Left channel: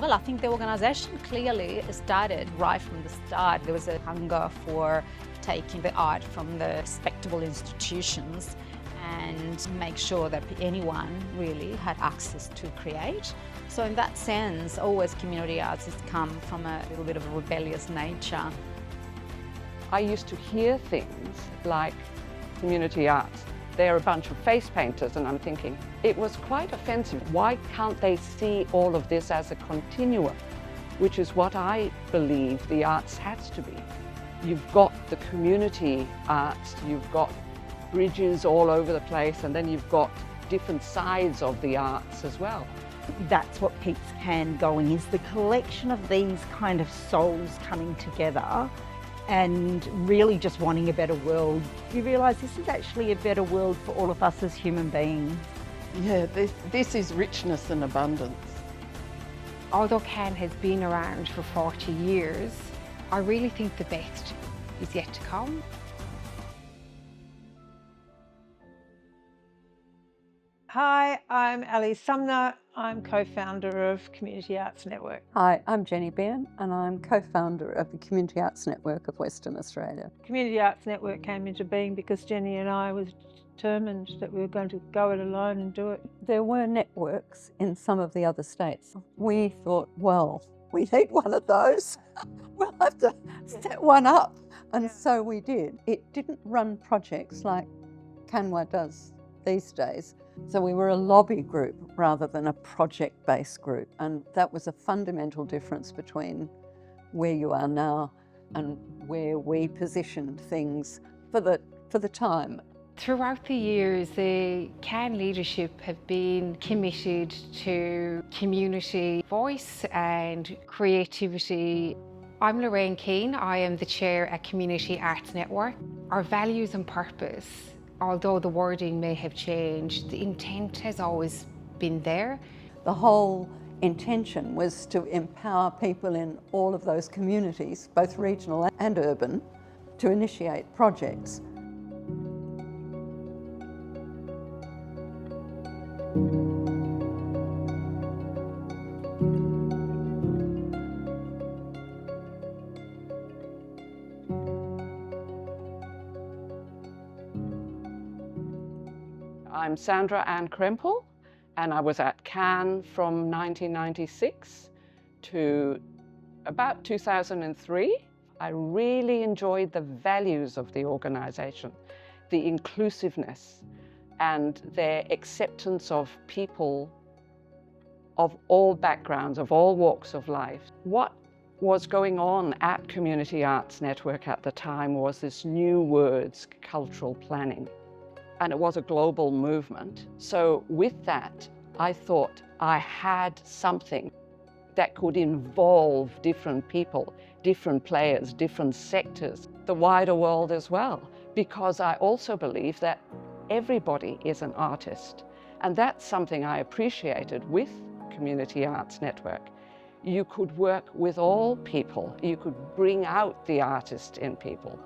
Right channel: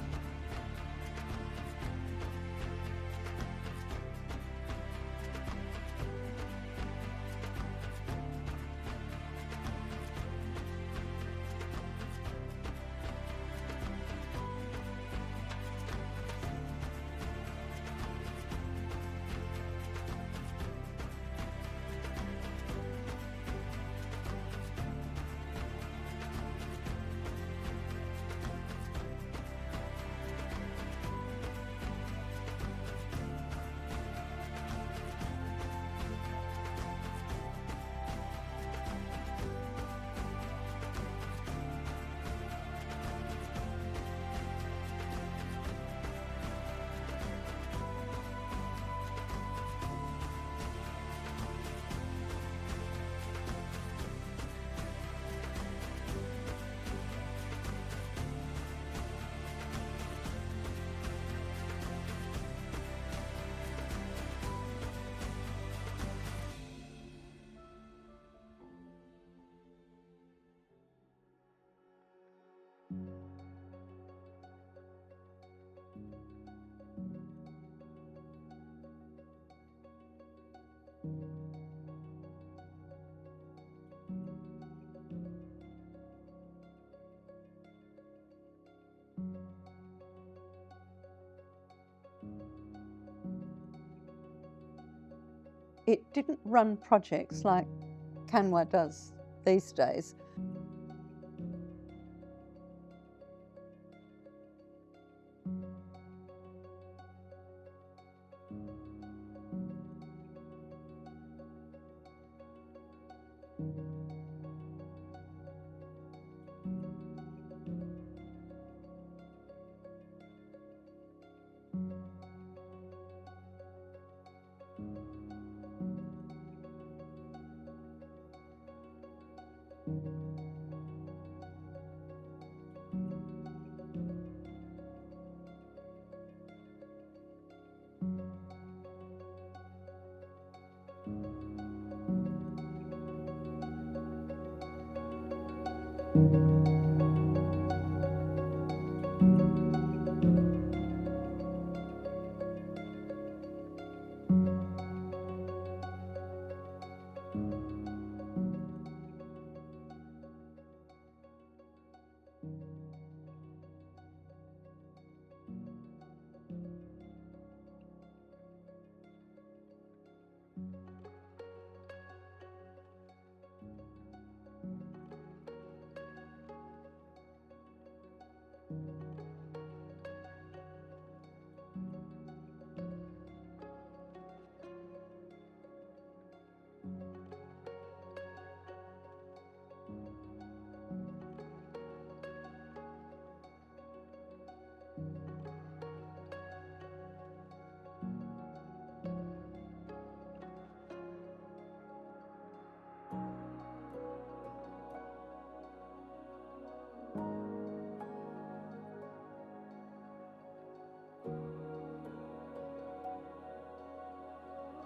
Well, I think the organisation clearly started right from the start. There was a hunger for taking the art from the respectable institutions and make sure that anyone really had access to create. So in that sense, always community arts has come from a little bit of a rebellious nature. I used to hear things like community arts. They're a bunch of face painters, and I'm thinking, it was quite offensive. Why can't they see all of this as a continuum, which is what I believe the arts has to be. You've got the community arts, you've got bridges all over the place, and then you've got different sides of the arts as well. That's what keeps CAN going, is the collection of these kind of souls coming together and really just wanting a better world. You realise this is actually a better world for all of us as human beings. Yeah, this is richness and abundance. Although CAN has been around for 40 years, I really think the best is yet to come. Hi, I'm Ali Sumner. I'm co-founder of Community Arts Network. Hi, I'm Jenny Behan and I'm co-founder of the Community Arts Network of Western Australia. Community Arts Network came into being because Jenny and I was determined that we were going to go it alone and do it. There were networks in some of the other states. We thought, well, we need one of those. We'll have to set one up. And so we did. It didn't run projects like CANWA does these days. So we were a lobby group rather than a project-based group. And that was a fundamental difference between where you are now and where we positioned things for the time. Throughout the years, the CAN leadership have been committed to community voice and creativity. I'm Lorraine Keane. I am the chair at Community Arts Network. Our values and purpose, although the wording may have changed, the intent has always been there. The whole intention was to empower people in all of those communities, both regional and urban, to initiate projects. I'm Sandra Ann Krempel, and I was at CAN from 1996 to about 2003. I really enjoyed the values of the organisation, the inclusiveness and their acceptance of people of all backgrounds, of all walks of life. What was going on at Community Arts Network at the time was this new words, cultural planning. And it was a global movement. So with that, I thought I had something that could involve different people, different players, different sectors, the wider world as well. Because I also believe that everybody is an artist. And that's something I appreciated with Community Arts Network. You could work with all people. You could bring out the artist in people.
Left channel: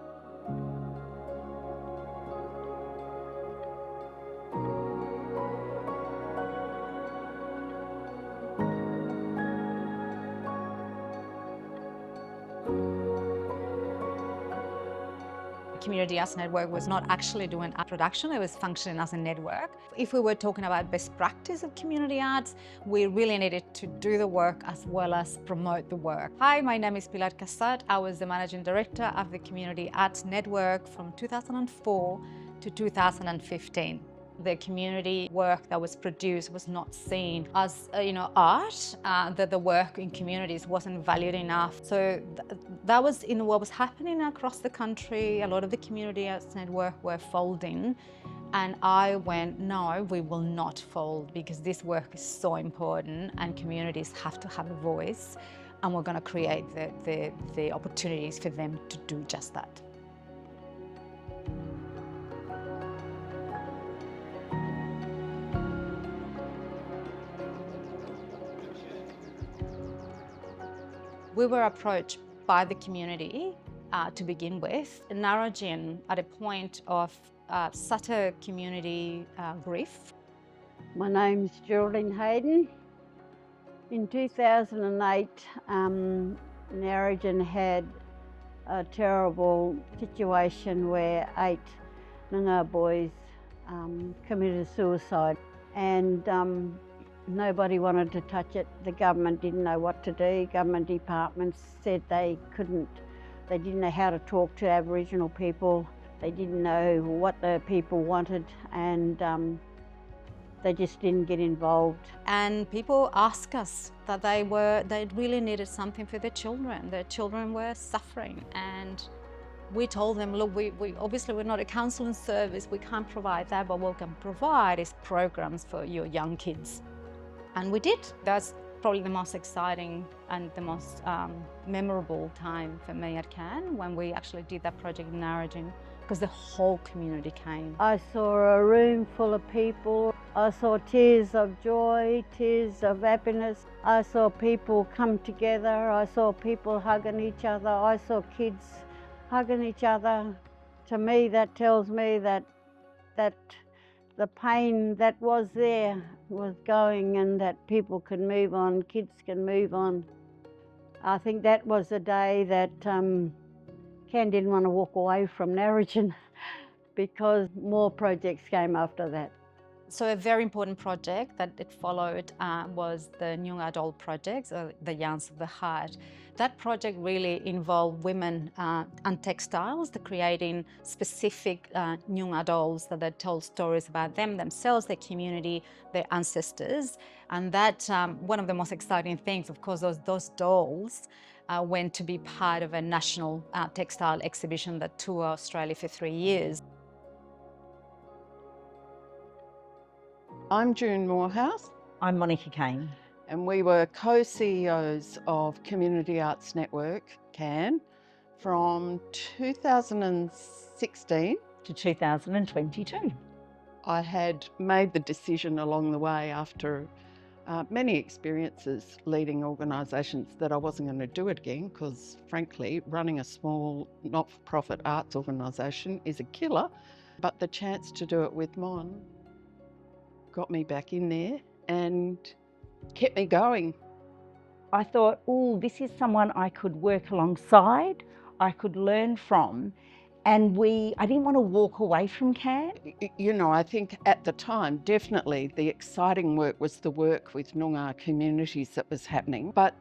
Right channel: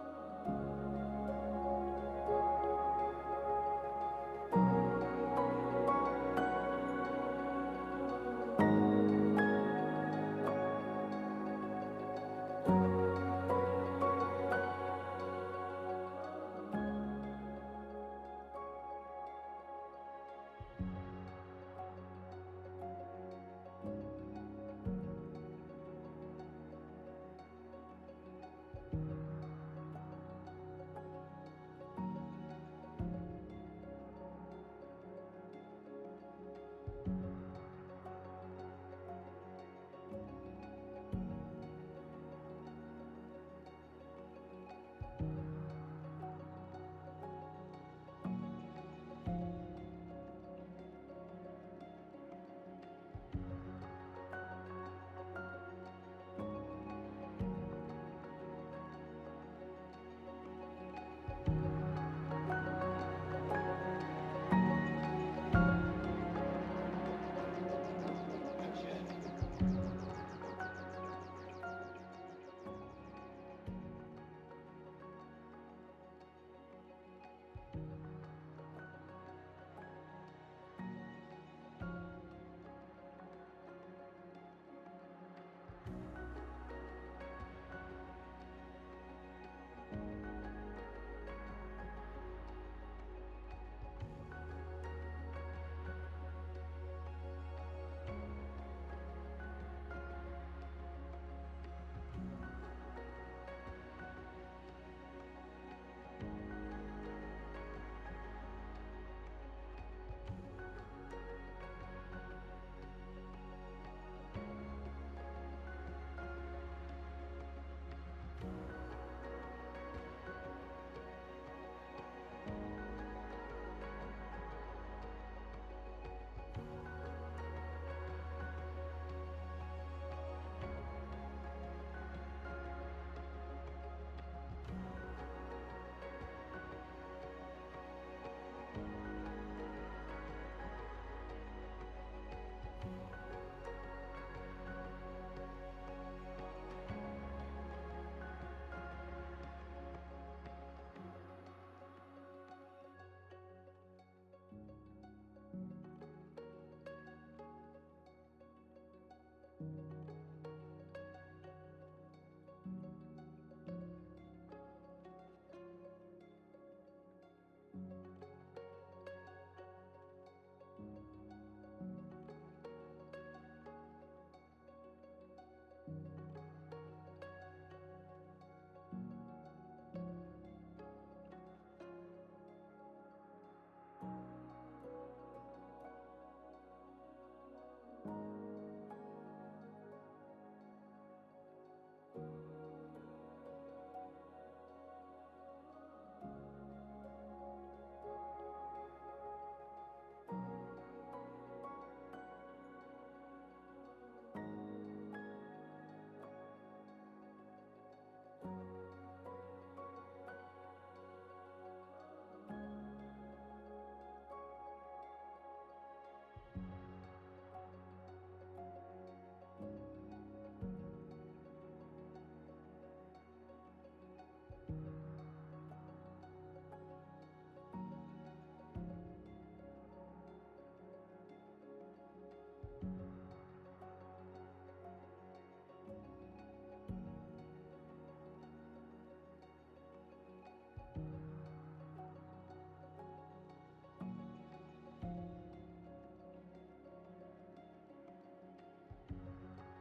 Community Arts Network was not actually doing art production, it was functioning as a network. If we were talking about best practice of community arts, we really needed to do the work as well as promote the work. Hi, my name is Pilar Casat. I was the Managing Director of the Community Arts Network from 2004 to 2015. The community work that was produced was not seen as art, that the work in communities wasn't valued enough. So that was in what was happening across the country. A lot of the Community Arts Network were folding, and I went, no, we will not fold, because this work is so important and communities have to have a voice, and we're going to create the opportunities for them to do just that. We were approached by the community to begin with. Narrogin, at a point of such a community grief. My name's Geraldine Hayden. In 2008, Narrogin had a terrible situation where 8 Noongar boys committed suicide, and nobody wanted to touch it. The government didn't know what to do. Government departments said they didn't know how to talk to Aboriginal people. They didn't know what the people wanted, and they just didn't get involved. And people ask us that they really needed something for their children. Their children were suffering, and we told them, look, we obviously we're not a counselling service, we can't provide that, but what we can provide is programs for your young kids. And we did. That's probably the most exciting and the most memorable time for me at CAN, when we actually did that project in Narrogin, because the whole community came. I saw a room full of people. I saw tears of joy, tears of happiness. I saw people come together. I saw people hugging each other. I saw kids hugging each other. To me, that tells me that the pain that was there was going, and that people can move on, kids can move on. I think that was the day that Ken didn't want to walk away from Narrogin, because more projects came after that. So a very important project that it followed was the Noongar Doll project, the Yarns of the Heart. That project really involved women and textiles, creating specific Noongar dolls that told stories about them, themselves, their community, their ancestors. And that, one of the most exciting things, of course, those dolls went to be part of a national textile exhibition that toured Australia for 3 years. I'm June Morehouse, I'm Monica Kane. and we were co-CEOs of Community Arts Network, CAN, from 2016. To 2022. I had made the decision along the way, after many experiences leading organisations, that I wasn't going to do it again, because frankly, running a small not-for-profit arts organisation is a killer. But the chance to do it with Mon got me back in there and kept me going. I thought, oh, this is someone I could work alongside, I could learn from, and I didn't want to walk away from CAN. You know, I think at the time, definitely the exciting work was the work with Noongar communities that was happening. But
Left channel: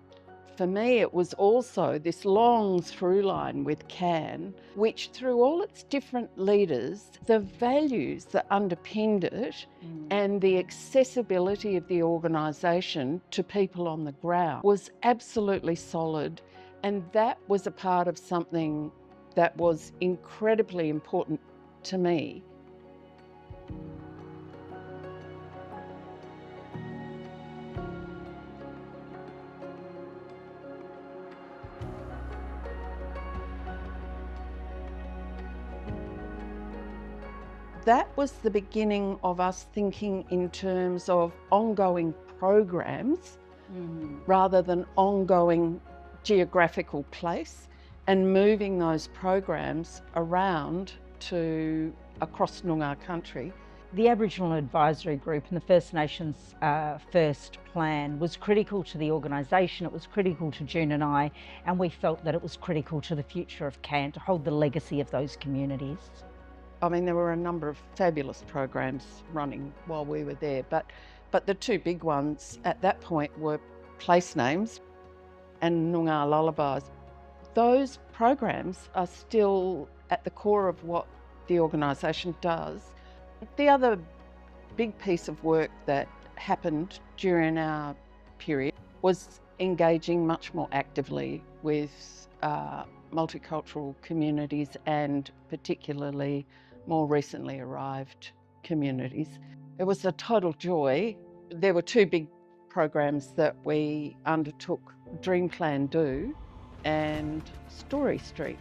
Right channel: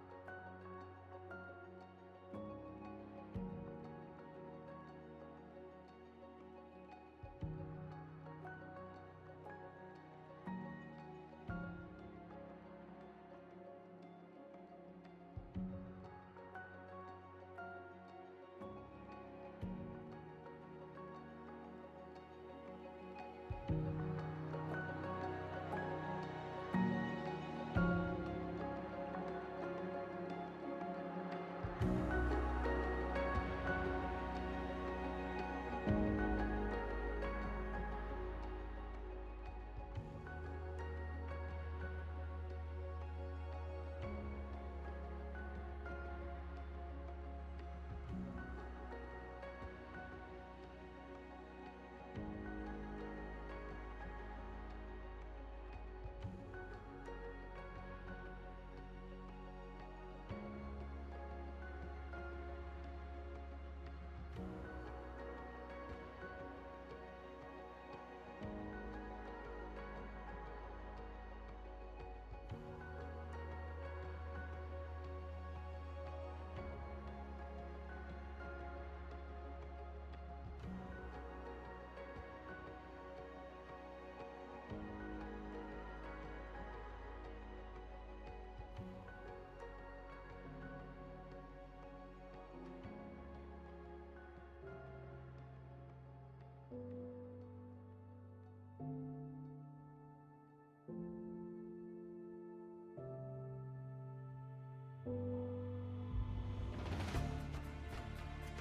for me, it was also this long through line with CAN, which through all its different leaders, the values that underpinned it and the accessibility of the organisation to people on the ground was absolutely solid. And that was a part of something that was incredibly important to me. That was the beginning of us thinking in terms of ongoing programs rather than ongoing geographical place, and moving those programs around to across Noongar country. The Aboriginal Advisory Group and the First Nations First Plan was critical to the organisation, it was critical to June and I, and we felt that it was critical to the future of CAN to hold the legacy of those communities. I mean, there were a number of fabulous programs running while we were there, but the two big ones at that point were place names and Noongar lullabies. Those programs are still at the core of what the organisation does. The other big piece of work that happened during our period was engaging much more actively with multicultural communities, and particularly more recently arrived communities. It was a total joy. There were two big programs that we undertook, Dream Plan Do and Story Street.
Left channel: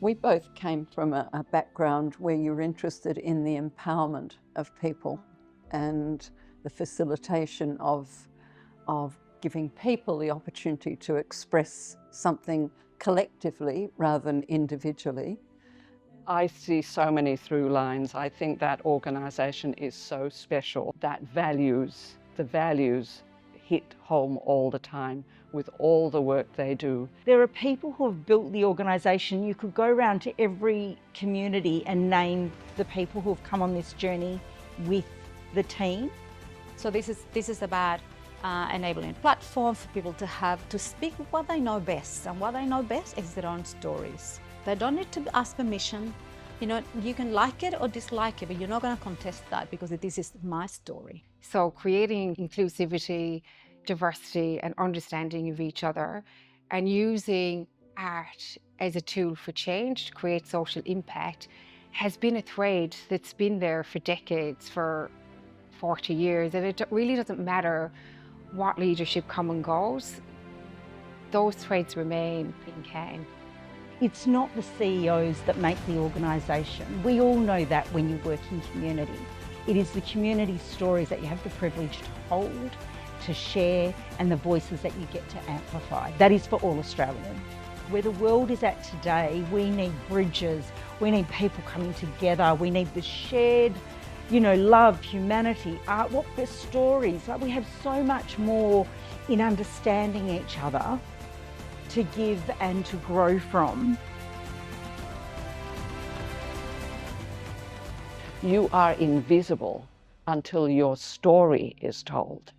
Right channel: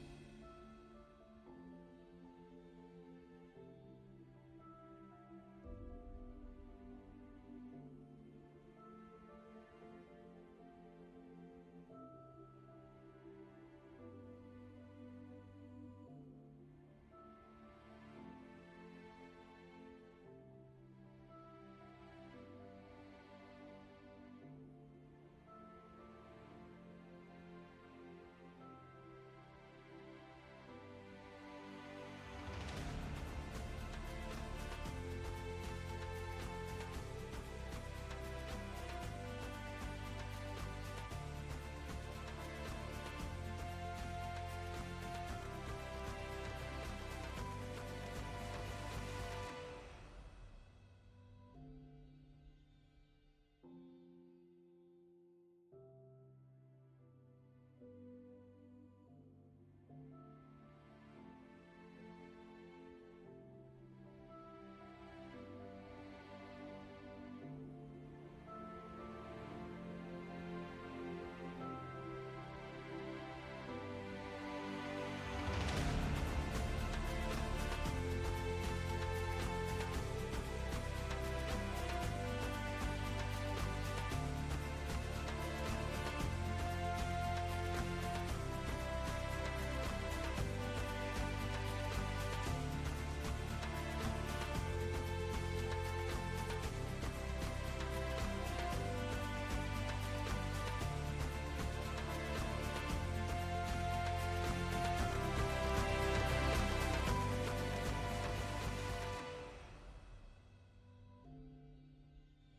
We both came from a background where you're interested in the empowerment of people and the facilitation of giving people the opportunity to express something collectively rather than individually. I see so many through lines. I think that organisation is so special. That the values hit home all the time with all the work they do. There are people who have built the organisation. You could go around to every community and name the people who have come on this journey with the team. So this is about enabling a platform for people to speak what they know best, and what they know best is their own stories. They don't need to ask permission. You know, you can like it or dislike it, but you're not going to contest that because this is my story. So creating inclusivity, diversity and understanding of each other, and using art as a tool for change to create social impact has been a thread that's been there for decades, for 40 years, and it really doesn't matter what leadership comes and goes, those threads remain in Can. It's not the CEOs that make the organisation. We all know that when you work in community. It is the community stories that you have the privilege to hold, to share, and the voices that you get to amplify. That is for all Australians. Where the world is at today, we need bridges, we need people coming together, we need the shared, love, humanity, art, the stories. Like, we have so much more in understanding each other to give and to grow from. You are invisible until your story is told.